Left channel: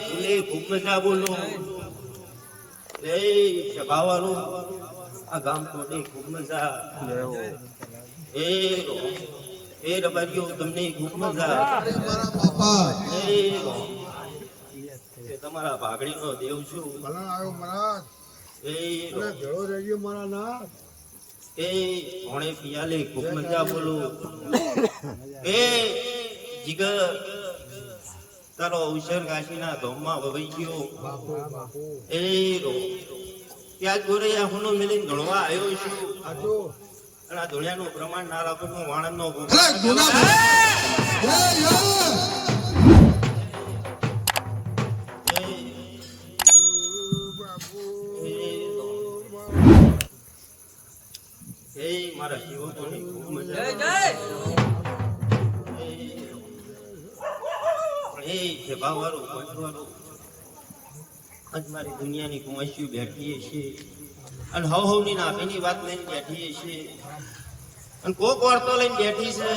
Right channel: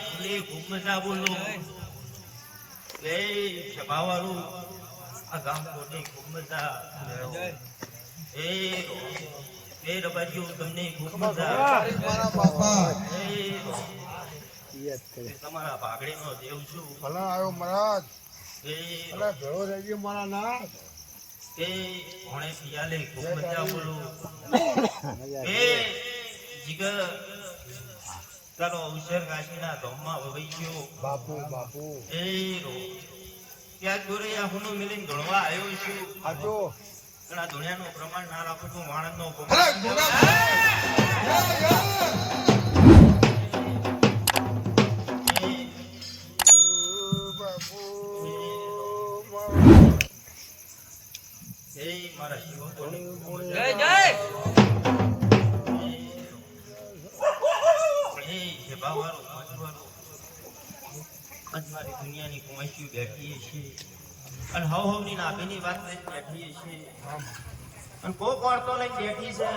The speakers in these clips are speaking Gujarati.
ખૂબ મજા બોલું. એ સભાવાળું આ ગામ કોટે ખૂબ મજા એ એ રબાજીઓ તમને ખૂબ મજા મારા બાપા એ તમારા ભાગડીનો દેવ છું. ભલા આવ્યો મહારાજ. એ અરે ભેળો રહેજો મારા ના એ ભણે પિયાલે ખૂબ મજા બોલું. એ જીગર તારો અવસર કાશીના ધોમમાં વહી ગયો. બાપુ બાપુ. એ ત્યાં ગોરૈયા હુનો મિલીને ધોળવા આવ્યો છું. હાજો અને આ ધોળિયાનું પ્રમાણ ના રાખવાનું વાણંદ નો અરે ગુના. બાપુ એ મારા સેવકોની ખૂબ આજ મારી દુનિયાની કુમાઈશીઓ બેઠીએ છીએ અને હવ હવની નાભીની વાત લઈને બેઠીએ છીએ અને કોક વાર્તો લઈને બેઠી છે.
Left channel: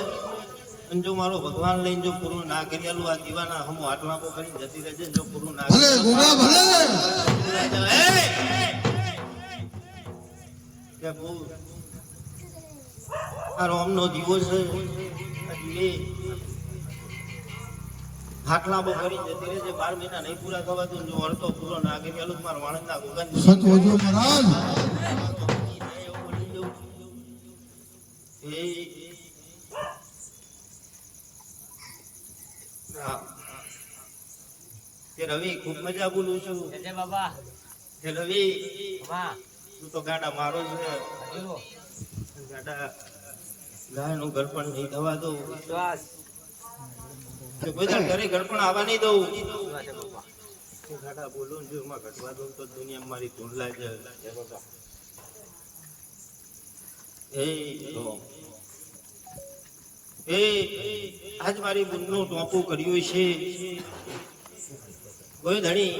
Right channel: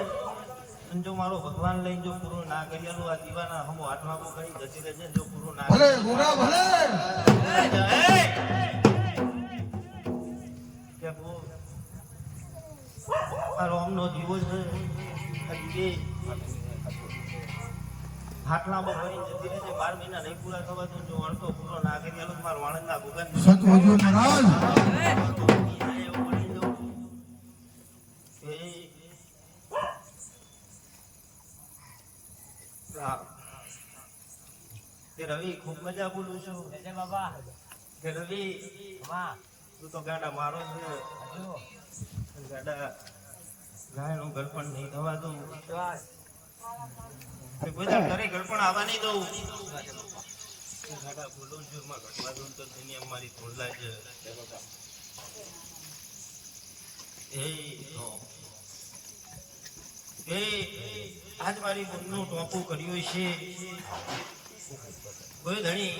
અને જો મારો ભગવાન લઈને જો પૂરું ના કરેલું આ દીવાના હમો આટલાકો કરીને જતી રહેજે જો પૂરું ના ભલે મારો અમનો દીવો છે. આ દીવે. હાટલા બહુ કરીને જતી રહેજે બાર મહિના નહીં પૂરા થવા જો અડધો પૂરો ના કરી આલું મારા વાણંદના ભગવાન સત હોજો મહારાજ. એ રામ. કે રવિ ખૂબ મજા બોલું છું. બાબા. રવિ હા. તું તો ગાડા મારો છે ગાડા ગાય ગાડા ગાયનું પણ નહીં થવા દઉં. વિશ્વાસ. ઘરે ગળપણ આવવા નહીં દઉં. વિશ્વાસ છે બાપા કે ગાડા બોલું છું એમાં ઘટવા દઉં તો દુનિયા મારી ધૂંઢલા નું એ આજ મારી બુનનું ટોપું કર્યું છે. કોઈ ધણી?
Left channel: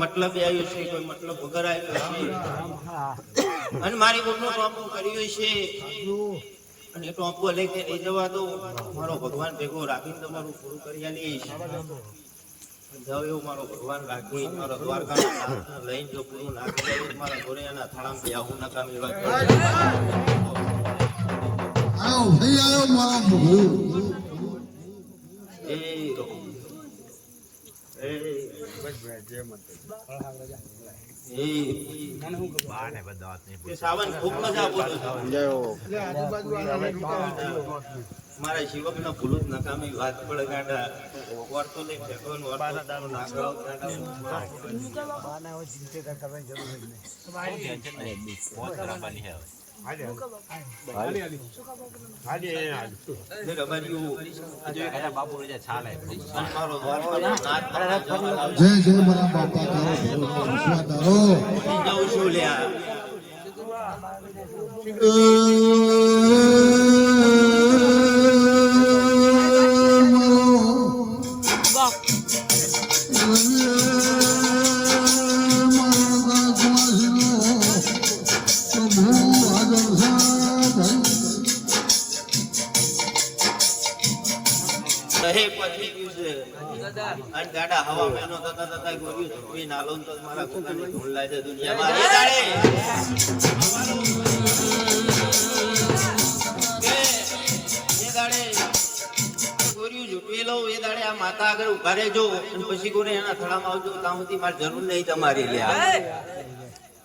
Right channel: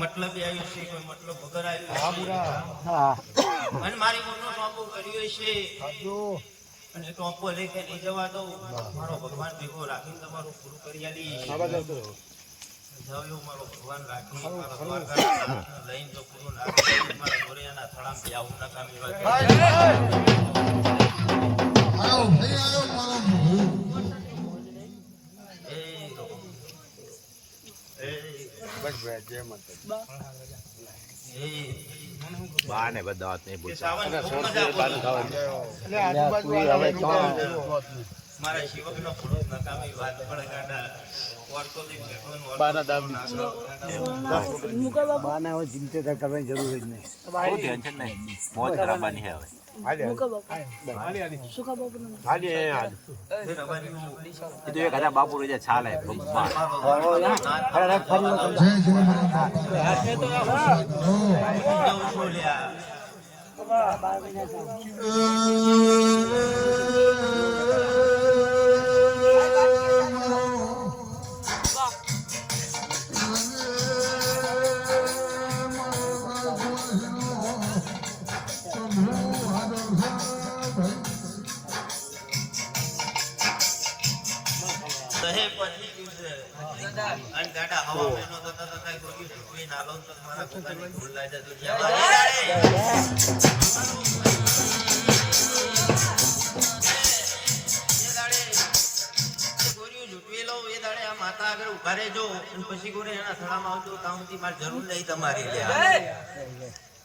મતલબ આવ્યું છે કોઈ મતલબ વગર આવ્યો છે? અને મારી બુનનું ટોપું કર્યું છે. આજો અને ટોપું લેકે લઈ જવા દો મારો ભગવાન ભેગો રાખીને તમારું પૂરું કરી આલી જાઓ એવું મારો ભગવાન રાખી, મારો લઈને જો પૂરું ના કરી મારા ગોરૈયાના થાળામાં પ્યાવું નકામી વાત આયો ભાઈ આયો મારા પ્રભુ એ એ એ બાને બધા વાત નહીં કે સાવન ખૂબ મજા બોલું છું. એટલે આજુબાજુ વાળા લઈને ઉતારો જુઓ. મારા શિવકના ભૂલું જ નકામી વાત પડે ગાંડા વાર્તો લઈને બેઠો ને વાર્તો ના કરો, ગાંડા. ટેન્શન નહીં. મોજ કરાવવાની છે હવે. બાપુ છાલે. મારો દ્વારકા જવા માતા આગળ ઊભા રહેજો પછી ગોરે એના થડામાં આવજો ત્યાં સુધી મારે જરૂર નહીં તમારી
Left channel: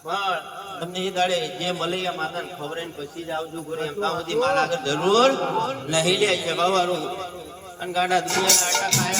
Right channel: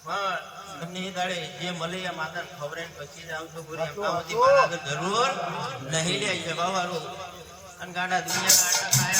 પણ તમને દાડે જે મળે એ માતાને ખબર પછી જ આવજો ગોરે જરૂર નહીં લે છે બાવાળું અને ગાડા દુનિયા ગાડા ખાયા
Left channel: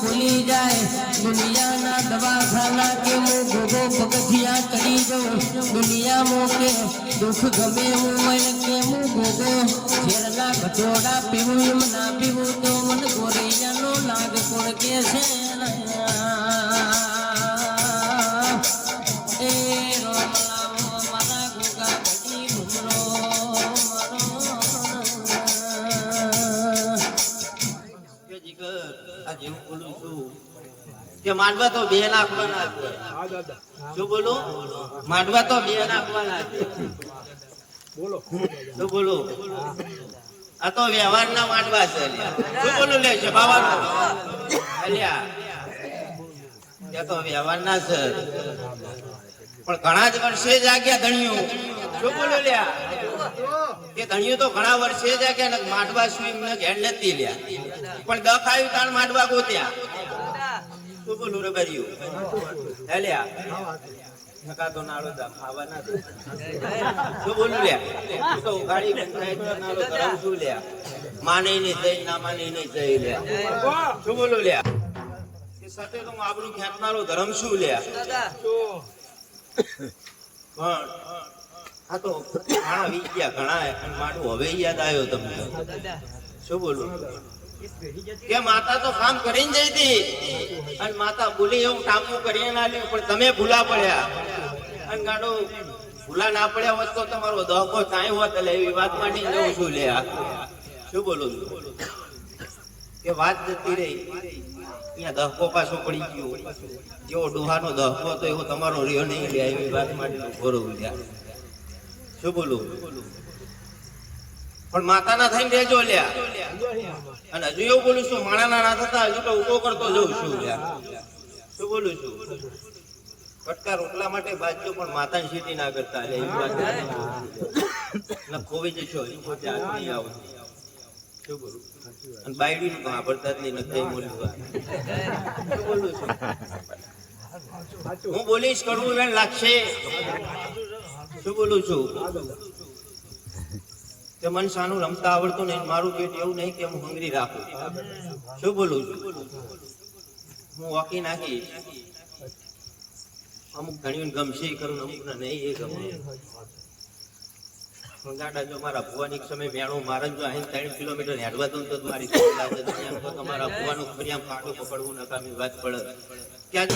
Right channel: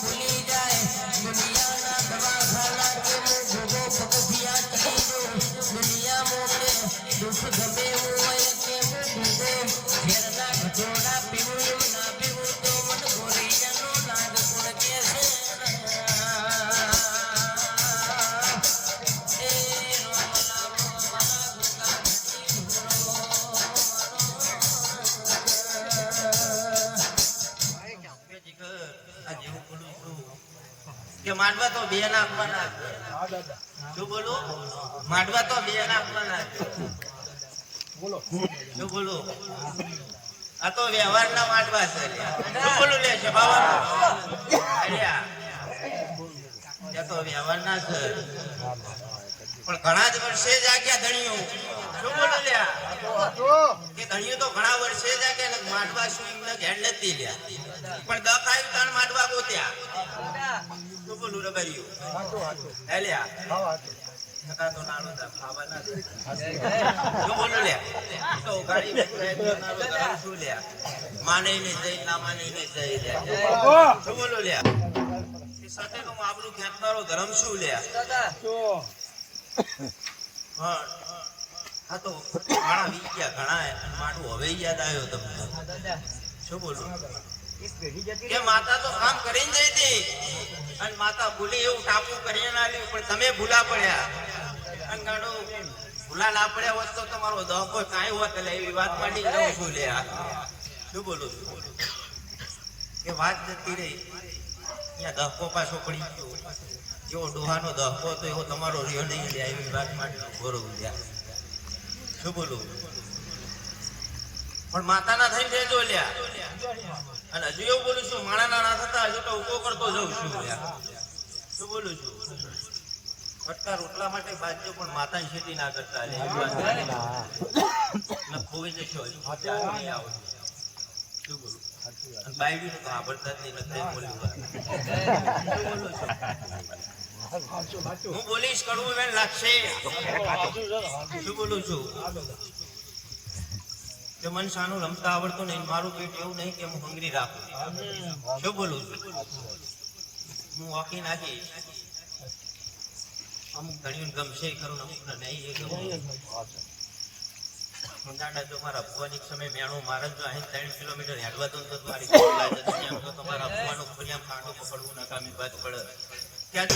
ભૂલી જાય, દુનિયાના દવાખાના કે ભોગો પગથિયા કરી જાઉં દુનિયા દુઃખ ગમે ઉંમર કે હું ભોગે ઘેરના ઘટોડા પીવું, ના પીવું કે માંડવા તો બે નાખવાના શું માંડવા તો બે નાખવાના બોલો. શું બોલું? આ તો વ્યવહારના માંડવા છે બોલું લે છે તો વ્યવહારના છે. પણ ઘણા જ વર્ષે જાગ્યા ધણિયું શું બોલું કે ધણિયું તો ઘણા વર્ષે જાગ્યા ને માંડવા સુઈ એમને ઘેર નથી લ્યા. પણ દખ આવ્યું તાણ માંડવા ગોત્યા. શું બોલું રે બરિયું હે લ્યા? માને ને જઈ, ના માની ને જઈ લ્યા. શું બોલું લ્યા? સાથે તો હું આબરૂ ખેંચનારો ધર્મ શું લ્યા? પણ આ તો ઘણા વી ગયા ઘણા અને મારું હવે યાદ આવ્યો તમને. શું બોલું? કે માતા તો કામ કરીને જઈ હતી. અને માતા ભૂલી એવું ટાપુ કરીને ના લ્યું, પણ તમે ભૂલા પડ્યા. અને ગાડો ભૂલા ના પડ્યા હોત તો તમારો દહકો ચાય હોત એટલે એવી વાત માંડી જવું છું લે આ. શું બોલું? છું કે વાત જતી રહી. અહીંયા ધક્કો પાછો પડી ગયો. જેવો ડોહાનો ધક્કો હતો એવો તમારો રહ્યો નહીં લે એવી વાત માંડી ઘોરો લ્યા શું બોલું? પણ માતાના થઈને રહેજો લ્યા. અને હજુ એવું બોલું છું માણાના ના થતા હજુ તો ઊભો કરતો જઉં છું લ્યા. શું બોલું છું? ફટકા રોટલા માટે બાજજો પણ માતાની સીટી ના કરતા ને ખોવી જશો હજુ આવો. શું બોલું? છું હું બોલીશ, કડવું વેણ લાગશે. શું બોલું છું? કે મન સાનું રમતા આવડતું નહીં, મારું પેટ એવું નહીં કે હું હંગરી રાખું. શું બોલું છું? હું વાકી નાખી અમુક ઘણી ગમશે કરું અમુક નહીં એ ગમે ગાડા જો મારા ભુવાની સમય મેણું મારે જો અહીં કિલોમીટર હેડવા દઉં તો મારી તમારા ભુવાનું ફરિયામ કાંટો પકડવું નકામી વાત પડે. ક્યાં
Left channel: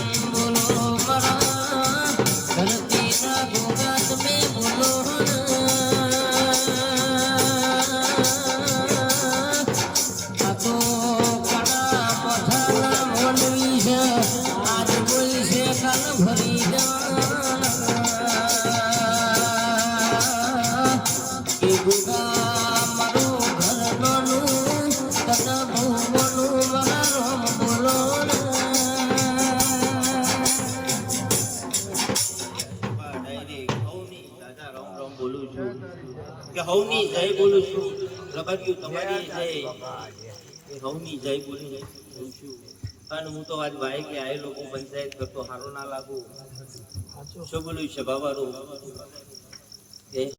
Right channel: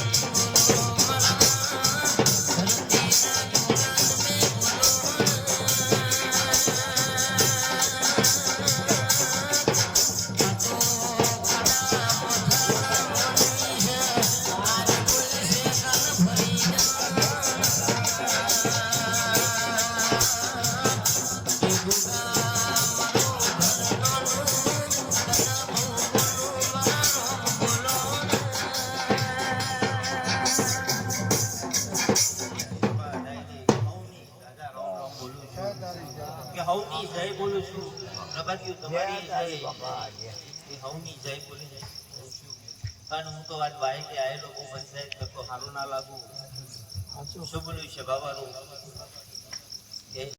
બોલું છું. કે હવની જય બોલું છું. પ્રભાત્યું તમારી જય. એ હવની જય બોલું છું. પણ હું તો આજ ભાઈ કે આ લોકો પંચાયત કરતો સારો ના લાગુ. શું બોલું છે બાબા